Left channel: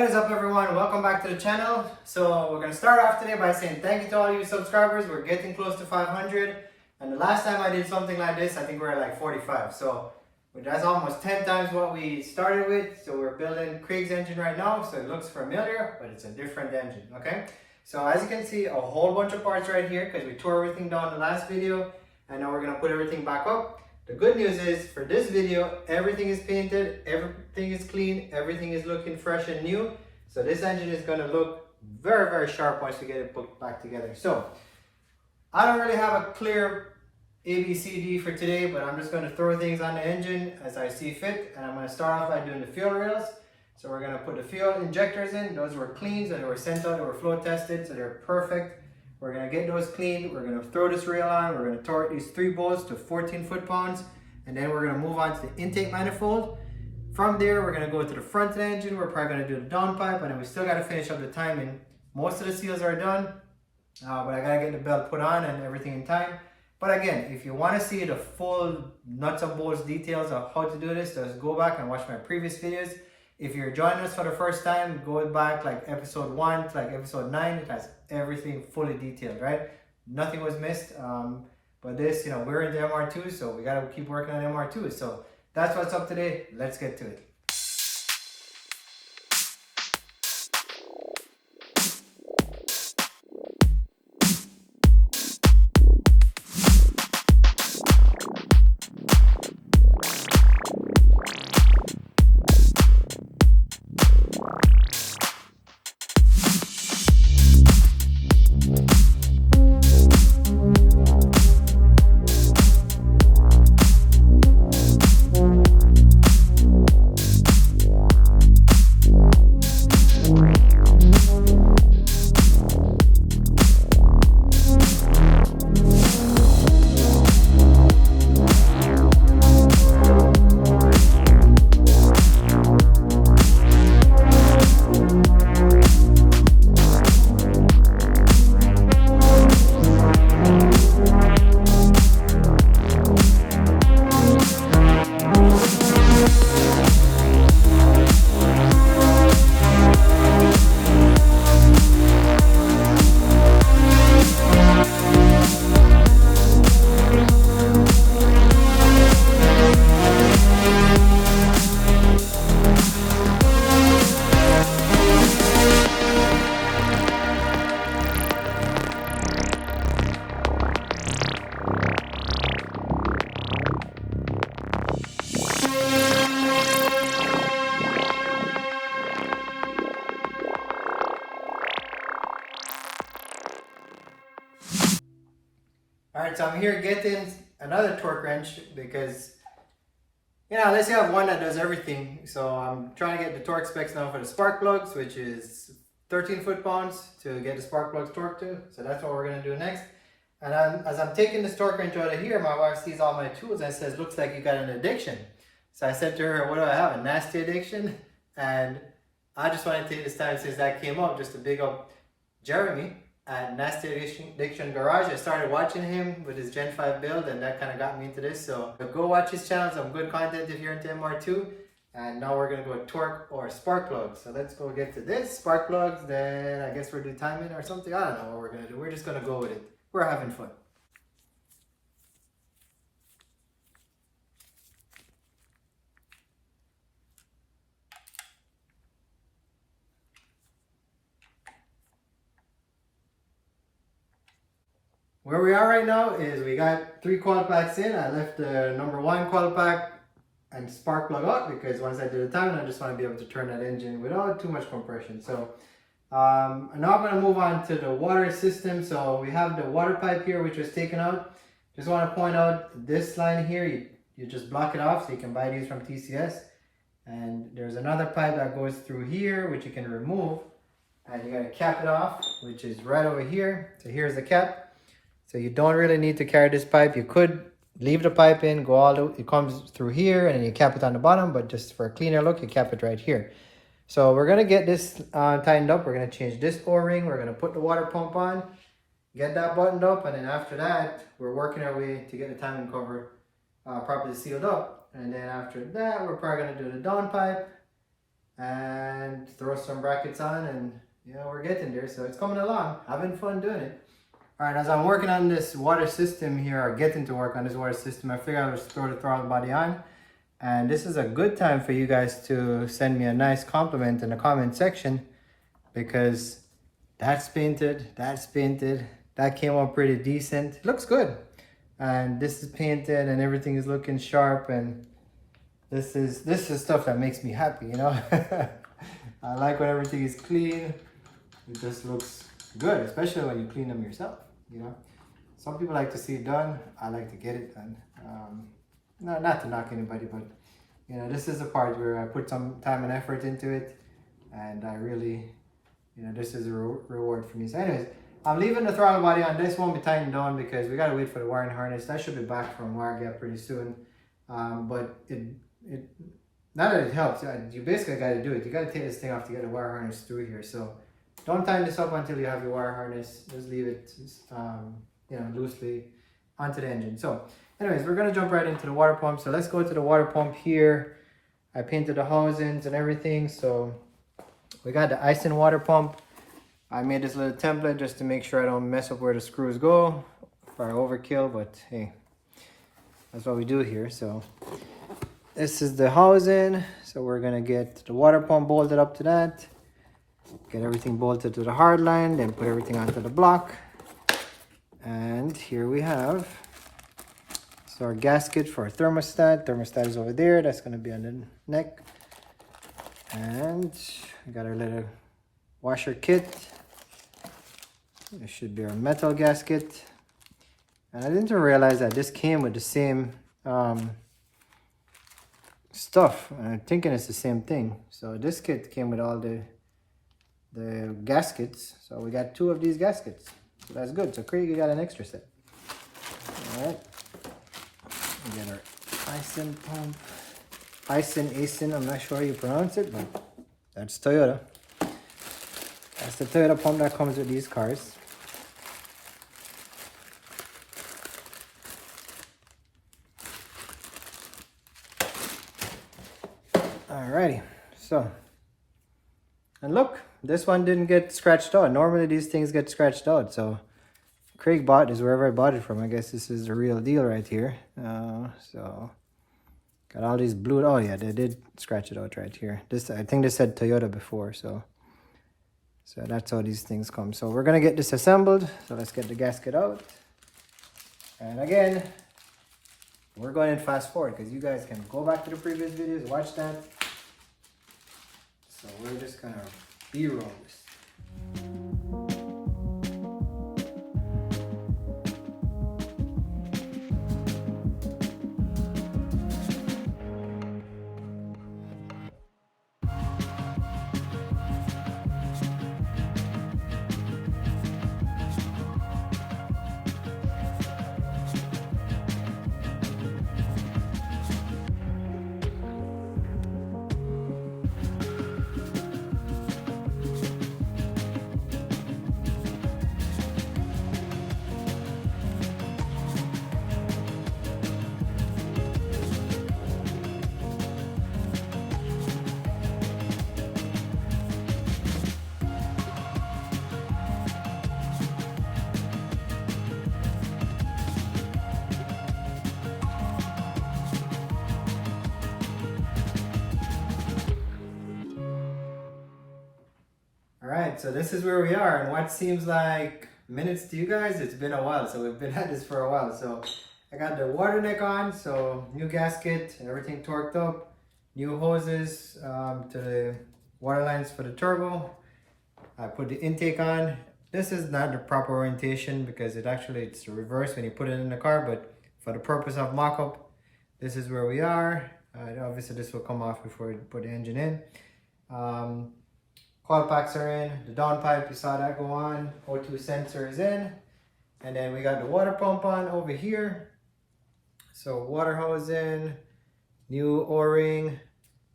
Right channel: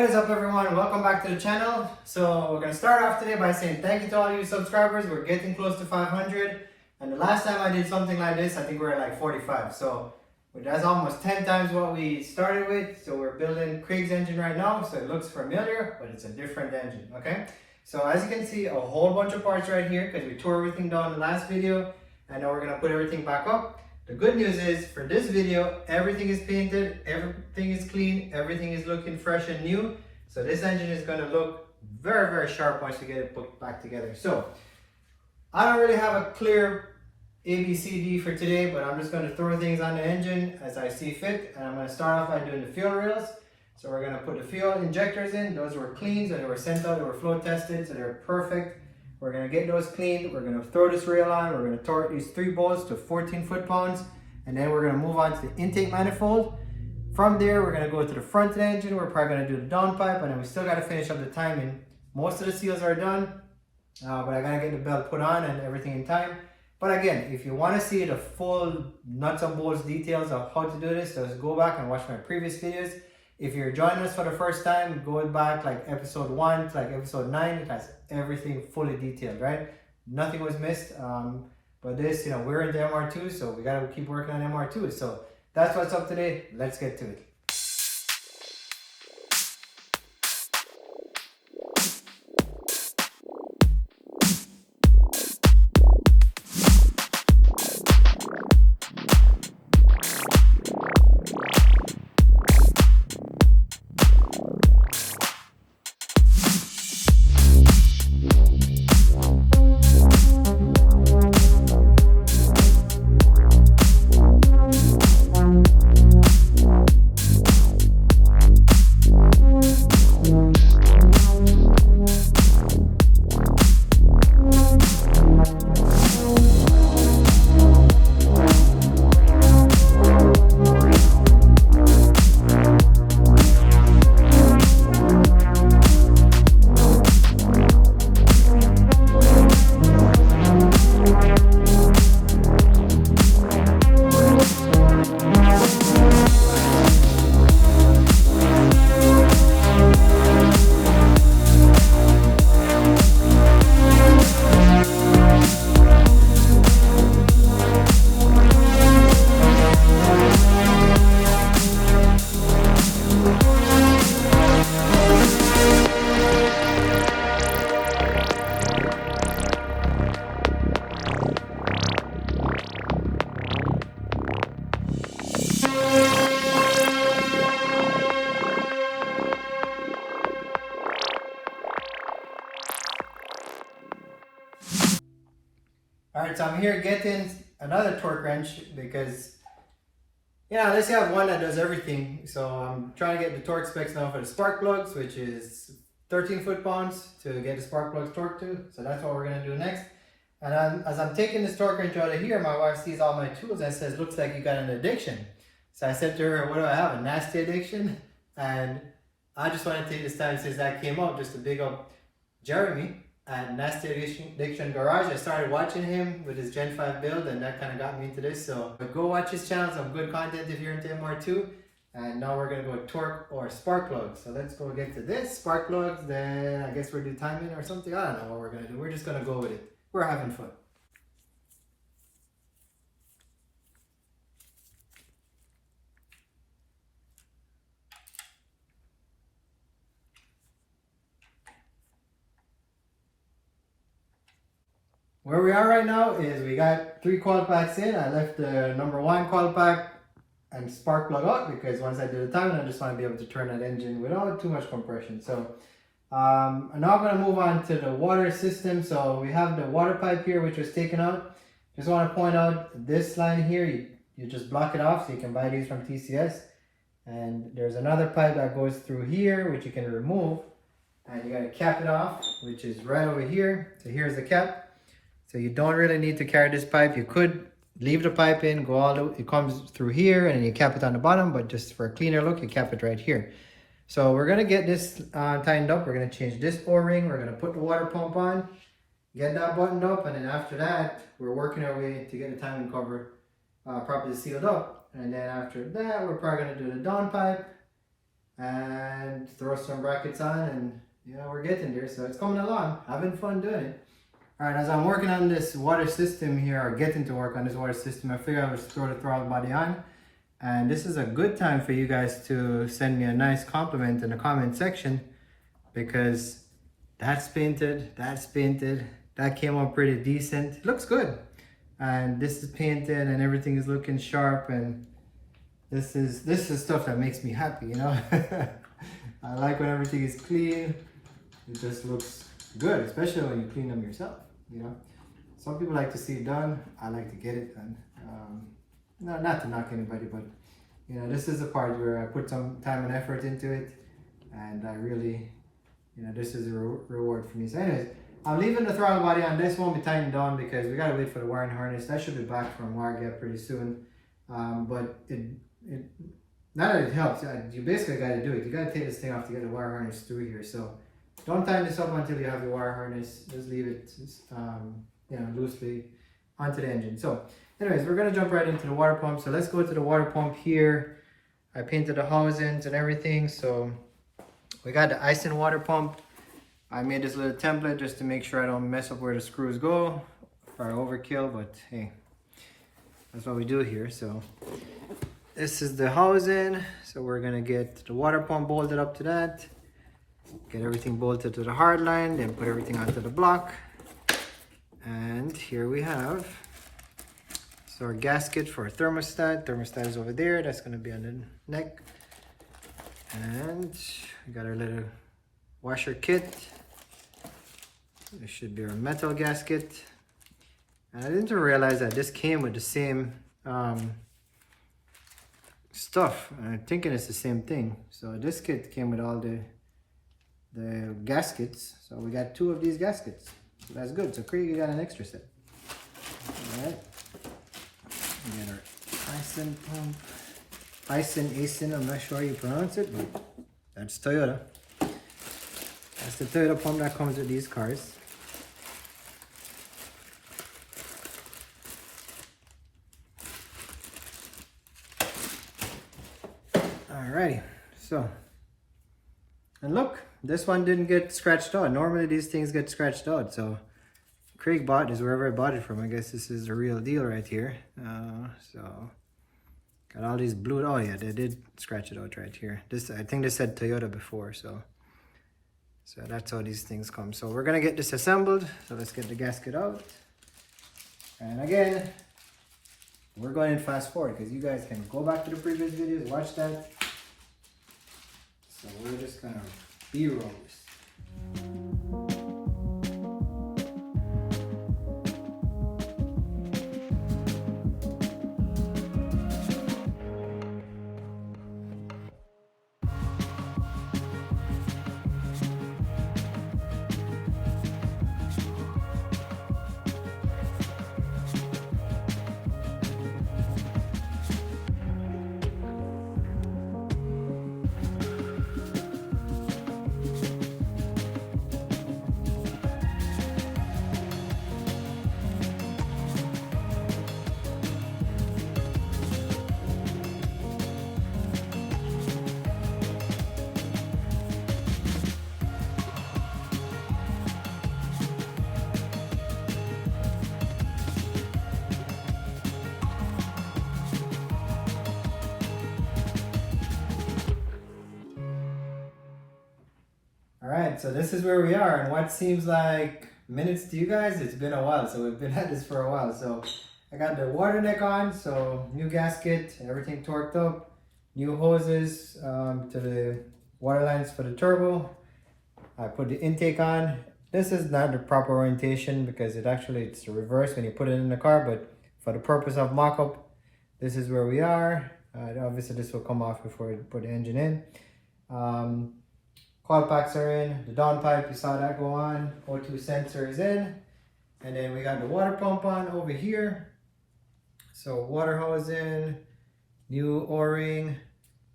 What is up, everyone? Welcome back to the channel. So we're going to start off today by saying thank you to all you subscribers. We're getting close to 500, and the last time I did something like this, I think we were at like 45. So that's almost 10 times what we started with. So we're building Craig's engine right now, so it looks familiar, but it's a different engine. Okay, so as you can see, a whole bunch of parts right here because we tore everything down in the last video, and now we're going to put everything back up. The good news is, for this video, everything is painted, everything is clean, everything is looking fresh and new. So this engine is going to look very, very sharp once we get it put back together. So I don't really have a clear ABCD for today, but I'm just going to throw things on the engine as I see fit. And I'm going to start off by doing the fuel rails. So we're going to put the fuel injectors in. Those were clean, so they were sent out, they were flow tested, so they're perfect. We're going to get those cleaned. We're going to throw this rail on. We're going to torque these 3 bolts to 14 foot-pounds. And then we're going to move on to the intake manifold. From there, we're going to go to the front of the engine. We're probably going to do the downpipe. And then we still got to finish up the timing. Most of the seals are done. But I got to get the belt put on and everything in time. But again, if you want to see the full nuts and bolts details of how to do this, just go back and watch my previous videos. If you're joining us for the first time, go back like episode 1 to like episode 9. It has everything fully detailed, right? Nothing was missed. But this, we're into MR2, so we got to keep working on MR2. So that's what's up today. Let's get to it. Alright, so I'm here getting another torque wrench because, let's say I have one that does everything. So I'm trying to get the torque specs now for the spark plugs, which is 13 foot-pounds to get the spark plugs torqued to. So that's what we're going to do next. And as I'm taking this torque wrench out of here, my wife sees all my tools and says, looks like you got an addiction. So I said to her, what do I have, a nasty addiction? And I just want to take this time since that came up just to big up Jeremy at Nasty Addiction Garage. I started watching him with his Gen5 build, and that kind of got me into this. So go watch his channel, some good content if you're into MR2. And now we're going to go torque or spark plugs. So let's go get to this. Spark plugs, then I guess we'll do timing or something. I don't know what we're going to do. We're just going to go with it. We're having fun. Where we are right now is we got 3 coil packs in. I left the number 1 coil pack and spark plug out because once I do the timing, I just want to be able to turn that engine without too much compression. So now I'm going to move on to the water system. So we have the water pipe here, which was taken out. Just want to point out this line here, you just block it off, so you can buy these from TCS. And there's another pipe that goes through here, which you can remove. And you got to cap it off, which is right over here. So here's the cap. So you don't really need to carry this pipe. You could leave the pipe in, go all the way, it comes through here, and you cap it on the bottom, but just for a cleaner look, you cap it right here. So we're gonna get this tightened up. We're gonna change this O-ring. We're gonna put the water pump on, get that buttoned up, and then after that, we're working our way to get the timing cover properly sealed up. And then after that, we're probably gonna do the downpipe, and throw some brackets on, and yeah, we're getting there. So it's coming along, having fun doing it. All right, as I'm working on this water system here, or getting to work on this water system, I figured I would throw the throttle body on. And this is a good time for you guys to send me a nice compliment in the comment section, because that's painted, that came out pretty decent. It looks good. And this is painted and everything is looking sharp, and this is stuff that makes me happy, you know. I like when everything is clean. It just looks good, especially when you clean them yourself, you know. Some people like to see it done. I like to get it done. No, not to knock anybody, but you know, this is the part where I put some time and effort into it, and I really, you know, this is a reward for me. So anyways, I'm leaving the throttle body on. This won't be tightened down because we gotta wait for the wiring harness. That should be back from wire gap pretty soon. But not that it helps, you basically gotta do it. You gotta take this thing off to get the wire harness through here. So don't tighten this up until you have your wire harness. Just leave it, you know, loosely onto the engine. So anyways, we're gonna jump right into the water pump. So let's go to the water pump here. I painted the housings and everything. So we got the Ison water pump. I made this little template just to make sure I don't mess up where the screws go or overkill, but hey, that's what we do here. So this is the housing. So we're gonna get the water pump bolted up to that. Get everything bolted to the hard line, then put everything onto the block. And here we have our gasket for our thermostat. Thermostat is over there. That's going to be on the neck. And we got our little washer kit. This should be our metal gasket. And I didn't realize that this came with the same stuff. I'm thinking it's the same thing. So this kit came with all the gaskets. So we got 2 of these gaskets. So that's good. So Craig, you got an extra set. All right. We got our Ison pump. Ison, I'm not sure how you pronounce it, but that's Toyota. That's the Toyota pump that comes with these cars. Alrighty, so, and look, this one didn't get scratched out. Normally these things get scratched out, so Craig bought this wherever I bought it from. I guess this is the real deal right here. So got all these blue. Oh yeah, they did scratch it out right here. This, I think they said Toyota before, so that's how these things come. So we're gonna get this assembled. So let's get the gasket out. And again, we're going in fast forward because you guys can go back to the previous videos, watch that. So we're just gonna B-roll this. Alright, so this is where we are, and what seems like minutes to you guys, it's been a while. So we've been at this for a while. So I got the water neck on, so new gasket, everything torqued up, new hoses to the water lines for the turbo. I put the intake on. This is not the proper orientation because it's the reverse when you put it in the car, but for the purpose of mock-up, this is where we are. Obviously this will come off before we put the engine in. Coil packs are in, the downpipe, you saw that go on, O2 sensor is in, and then we got the water pump on over here. So water hose in, new O-ring,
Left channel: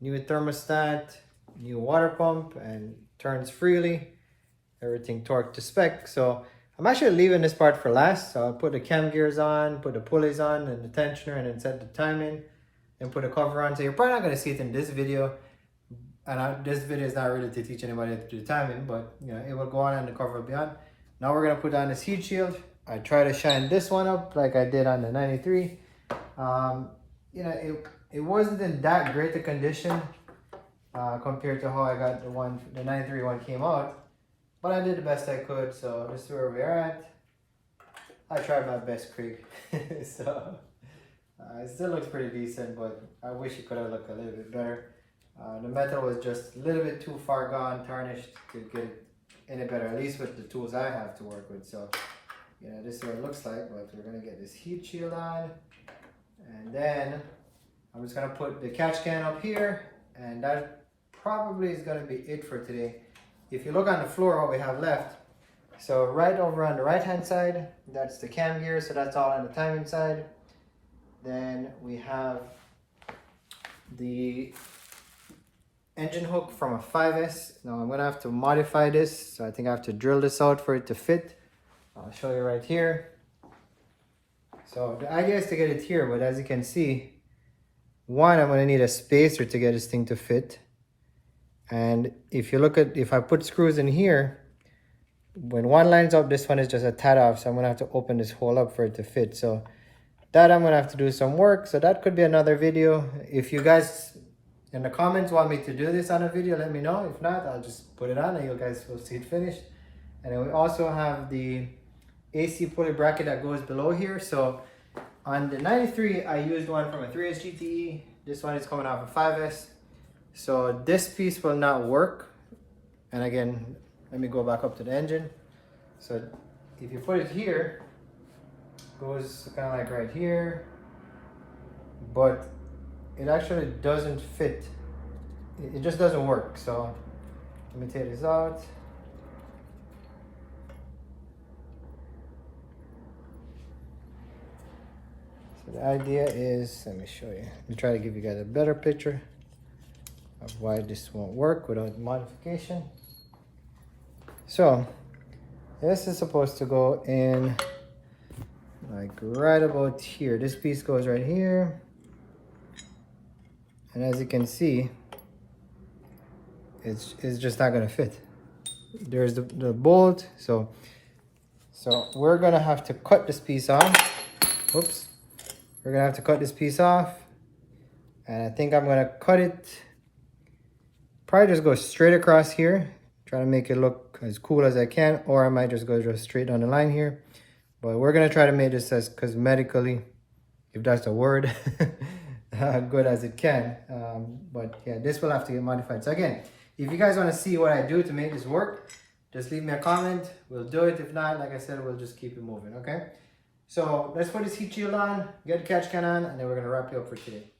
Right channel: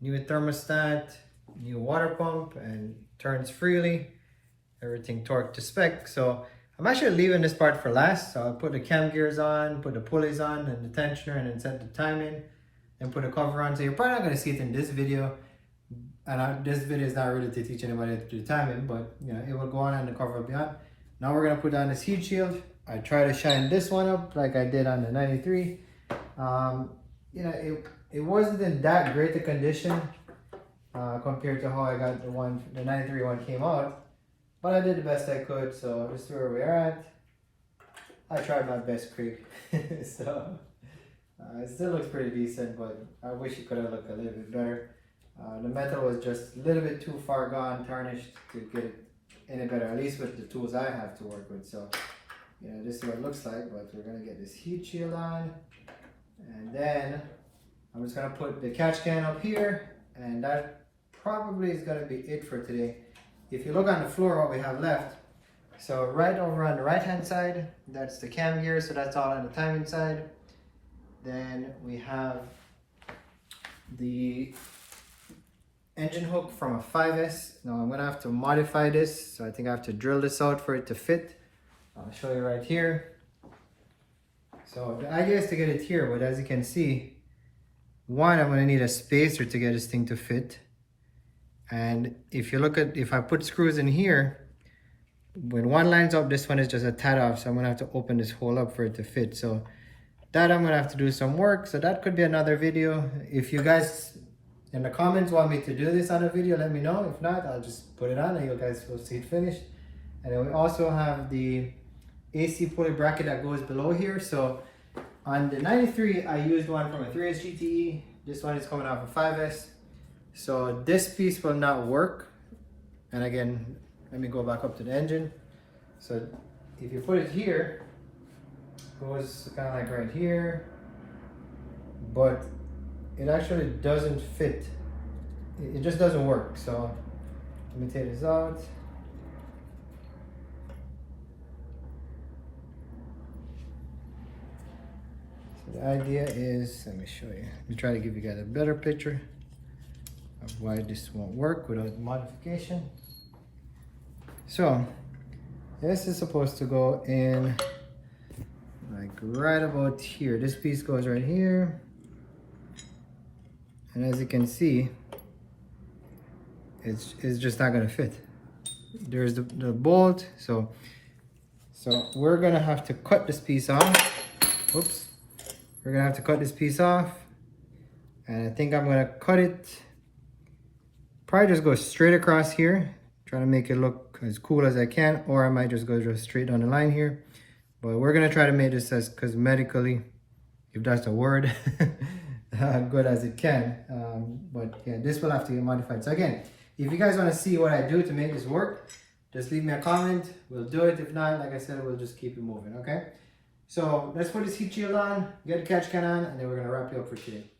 new thermostat, new water pump, and turns freely, everything torqued to spec. So I'm actually leaving this part for last, so I'll put the cam gears on, put the pulleys on, and the tensioner, and then set the timing, and put a cover on. So you're probably not going to see it in this video. this video is not really to teach anybody to do timing, but you know, it will go on and the cover beyond. Now we're gonna put on this heat shield. I try to shine this one up like I did on the 93. You know, it wasn't in that great a condition compared to how I got the 93 one came out, but I did the best I could. So this is where we are at. I tried my best, Craig. So it still looks pretty decent, but I wish it could have looked a little bit better. The metal was just a little bit too far gone, tarnished to get it any better, at least with the tools I have to work with. So, you know, this is what it looks like, but we're gonna get this heat shield on, and then I'm just gonna put the catch can up here, and that probably is gonna be it for today. If you look on the floor, what we have left, so right over on the right hand side, that's the cam gear, so that's all on the timing side. Then we have the engine hook from a 5S. Now I'm gonna have to modify this, so I think I have to drill this out for it to fit. I'll show you right here. So the idea is to get it here, but as you can see, one, I'm gonna need a spacer to get this thing to fit. And if you look at, if I put screws in here, when one lines up, this one is just a tad off, so I'm gonna have to open this hole up for it to fit. So that I'm gonna have to do some work, so that could be another video. If you guys in the comments want me to do this on a video, let me know. If not, I'll just put it on and you guys will see it finished. And then we also have the AC pulley bracket that goes below here. So on the 93, I used one from a 3S GTE. This one is coming off a 5S. So this piece will not work. And again, let me go back up to the engine. So if you put it here, it goes kind of like right here, but it actually doesn't fit. It just doesn't work. So let me take this out. So the idea is, let me show you. Let me try to give you guys a better picture of why this won't work without modification. So this is supposed to go in like right about here. This piece goes right here. And as you can see, it's just not gonna fit. There's the bolt, so we're gonna have to cut this piece off. Oops. We're gonna have to cut this piece off. And I think I'm gonna cut it, probably just go straight across here, try to make it look as cool as I can, or I might just go straight down the line here. But we're gonna try to make this as cosmetically, if that's a word, good as it can. But yeah, this will have to get modified. So again, if you guys want to see what I do to make this work, just leave me a comment. We'll do it. If not, like I said, we'll just keep it moving. Okay, so let's put this heat shield on, get the catch can on, and then we're gonna wrap you up for today.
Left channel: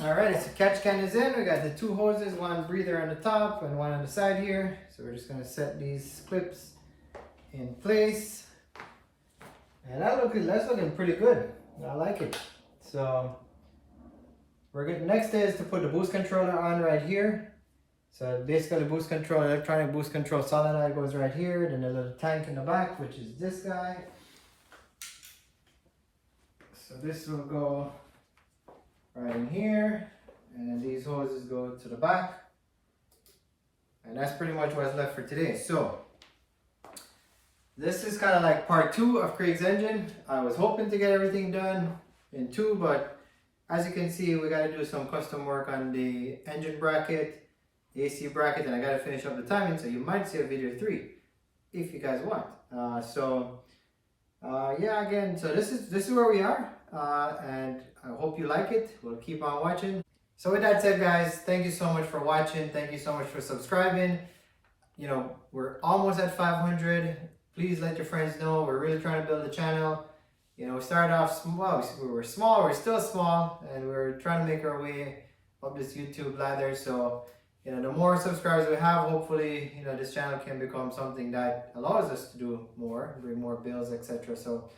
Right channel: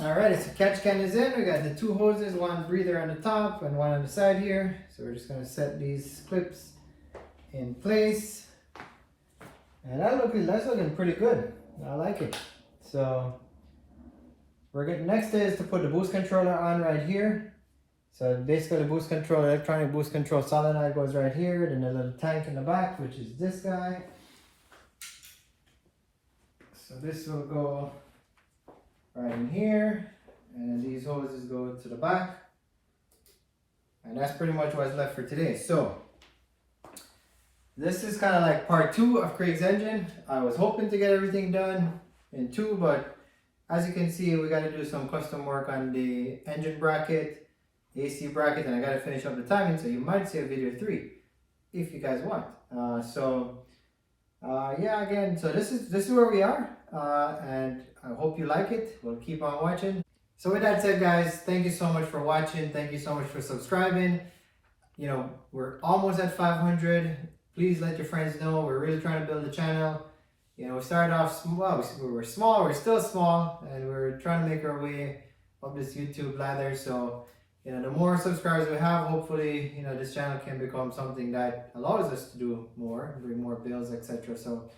Alright, so catch can is in. We got the two hoses, one breather on the top and one on the side here. So we're just gonna set these clips in place. And that's looking pretty good. I like it. So we're getting, next is to put the boost controller on right here. So basically the boost control, electronic boost control solenoid goes right here. Then a little tank in the back, which is this guy. So this will go right in here, and then these hoses go to the back, and that's pretty much what's left for today. So this is kind of like part 2 of Craig's engine. I was hoping to get everything done in 2, but as you can see, we got to do some custom work on the engine bracket, the AC bracket, and I got to finish up the timing, so you might see a video 3 if you guys want. Yeah, again, so this is where we are, and I hope you like it. We'll keep on watching. So with that said, guys, thank you so much for watching. Thank you so much for subscribing. You know, we're almost at 500. Please let your friends know. We're really trying to build the channel. You know, we started off small. We were small. We're still small, and we're trying to make our way up this YouTube ladder. So, you know, the more subscribers we have, hopefully, you know, this channel can become something that allows us to do more, bring more bills, etc. So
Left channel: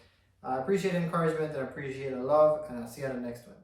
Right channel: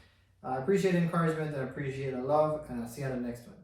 I appreciate the encouragement and appreciate the love, and I'll see you on the next one.